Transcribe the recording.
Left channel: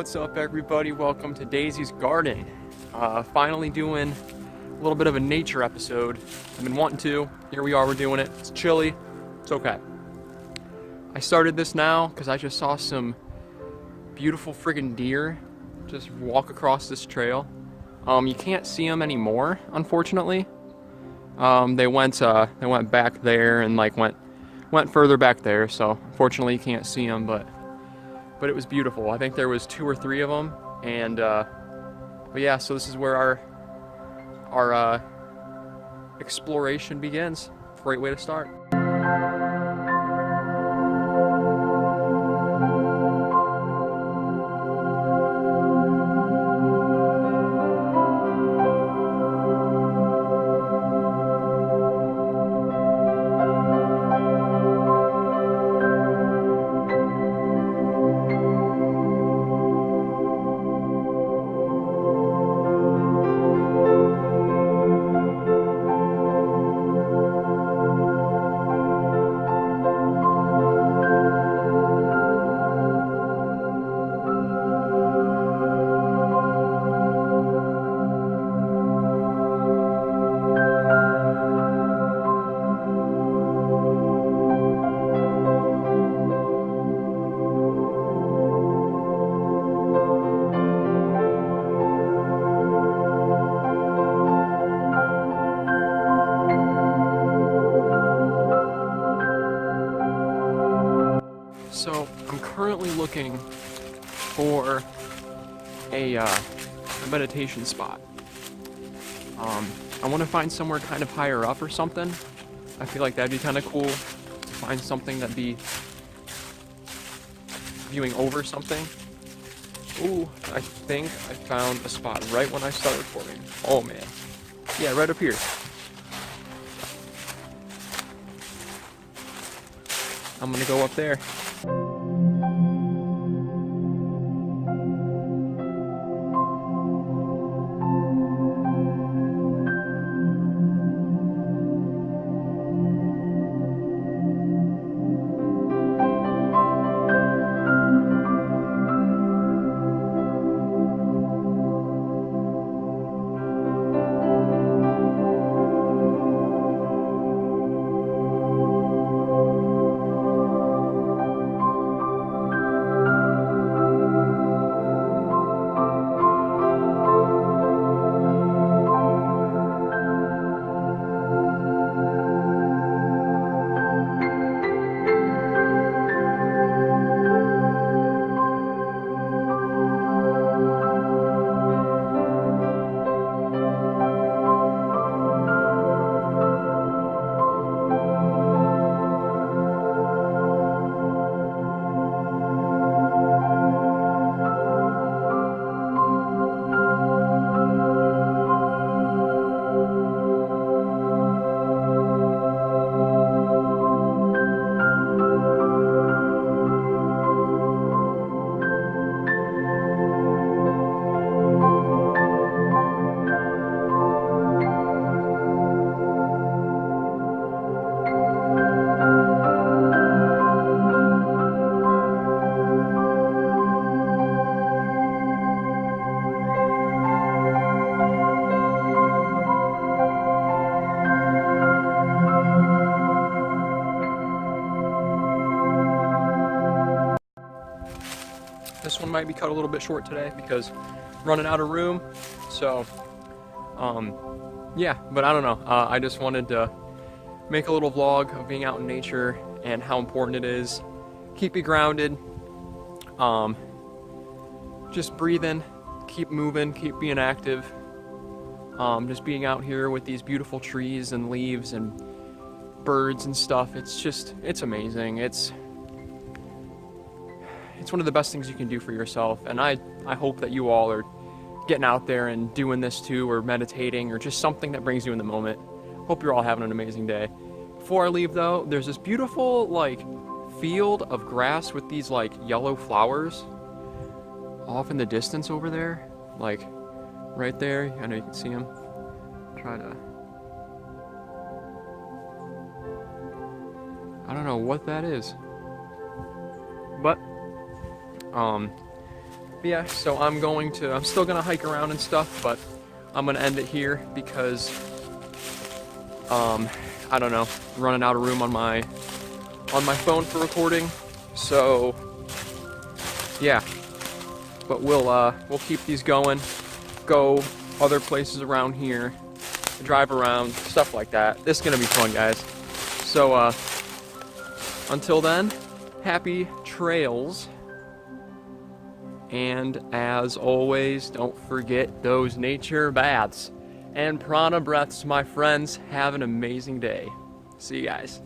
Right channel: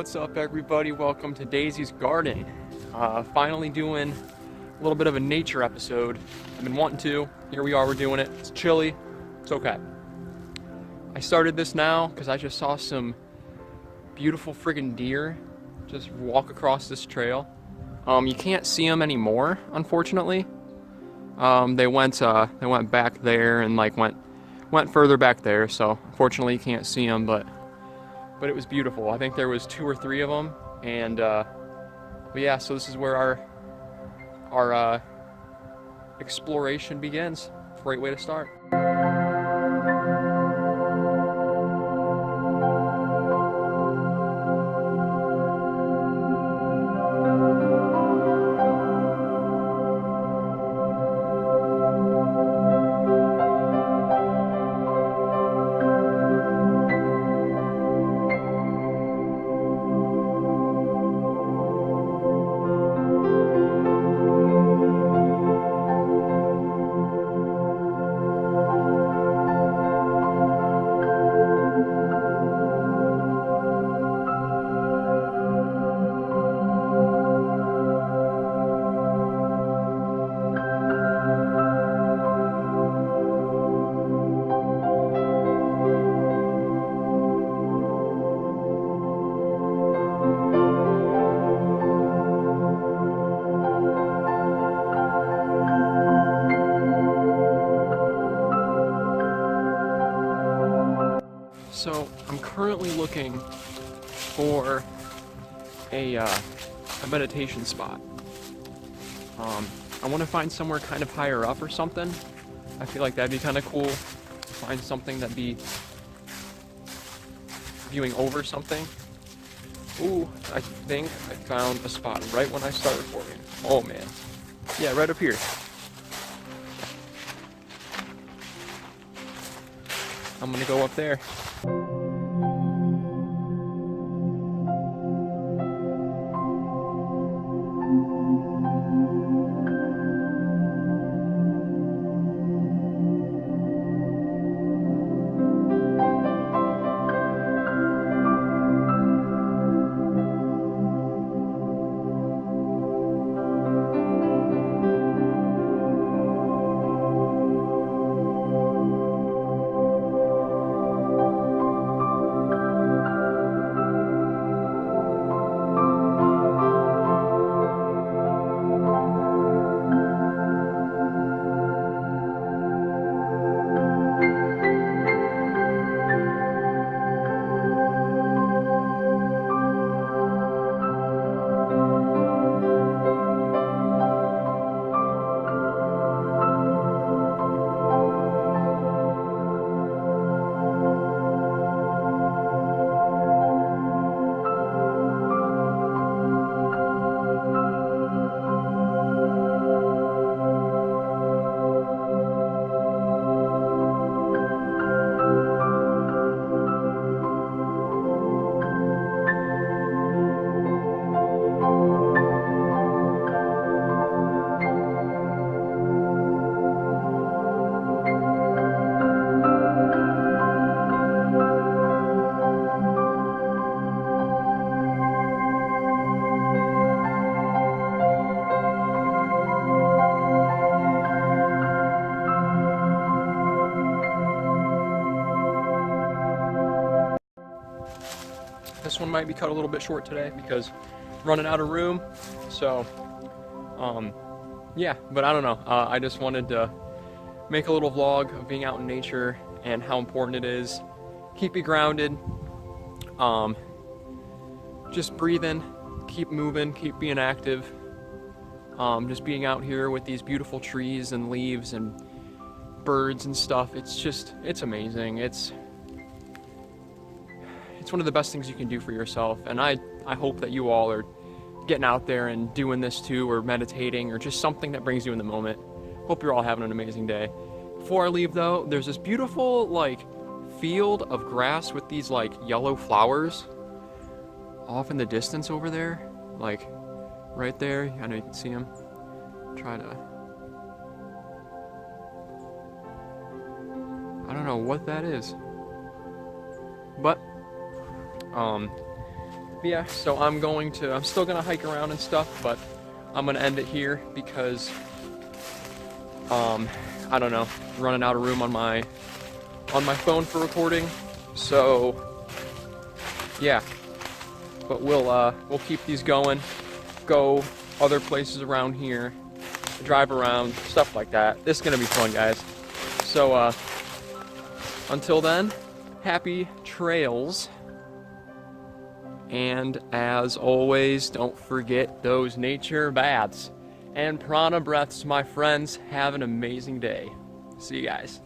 What's up, everybody? Welcome to Daisy's Garden. Finally doing a little bit of a nature episode. I've been wanting to. Here we are, we're doing it. It's chilly. It's okay. I started this now because I just saw some beautiful friggin' deer just walk across this trail. You can't see them anymore, unfortunately. They went back there and went further back there, so unfortunately you can't see them, but it was beautiful. I think there was 2 or 3 of them, and but yeah, so this is where our exploration begins. Great way to start. So I'm currently looking for a meditation spot. I want to find somewhere kind of higher up or something. I feel like that'd be kind of cool to find something that'd be viewing over something. Ooh, I think I found a spot right when I start recording. Oh man. Yeah, right up here. I'm gonna go up there. This one might be cut a little bit short today because running out of room. So, yeah, but I don't know. I just wanted to make a little vlog of being out in nature and how important it is. Keep you grounded. Just breathing, keep moving, keep being active. Just being out here with these beautiful trees and leaves and birds and stuff. It's amazing. It's one of the best things you can do for yourself, and I hope that you all are getting out there and doing this too, or meditating, or just something that brings you in the moment. Hope you're all having an amazing day. Before I leave though, there's this beautiful field of grass with these yellow flowers off in the distance over there, right there. I know you can see them. Try to, I don't know what that is, but Yeah, so I'm still gonna hike around and stuff, but I'm gonna end it here because, I don't know, running out of room on my phone for recording. So, yeah, but we'll keep these going, go other places around here, drive around, stuff like that. This is gonna be fun, guys. So, until then, happy trails. And as always, don't forget those nature baths. And prana breaths, my friends. Have an amazing day. See you guys.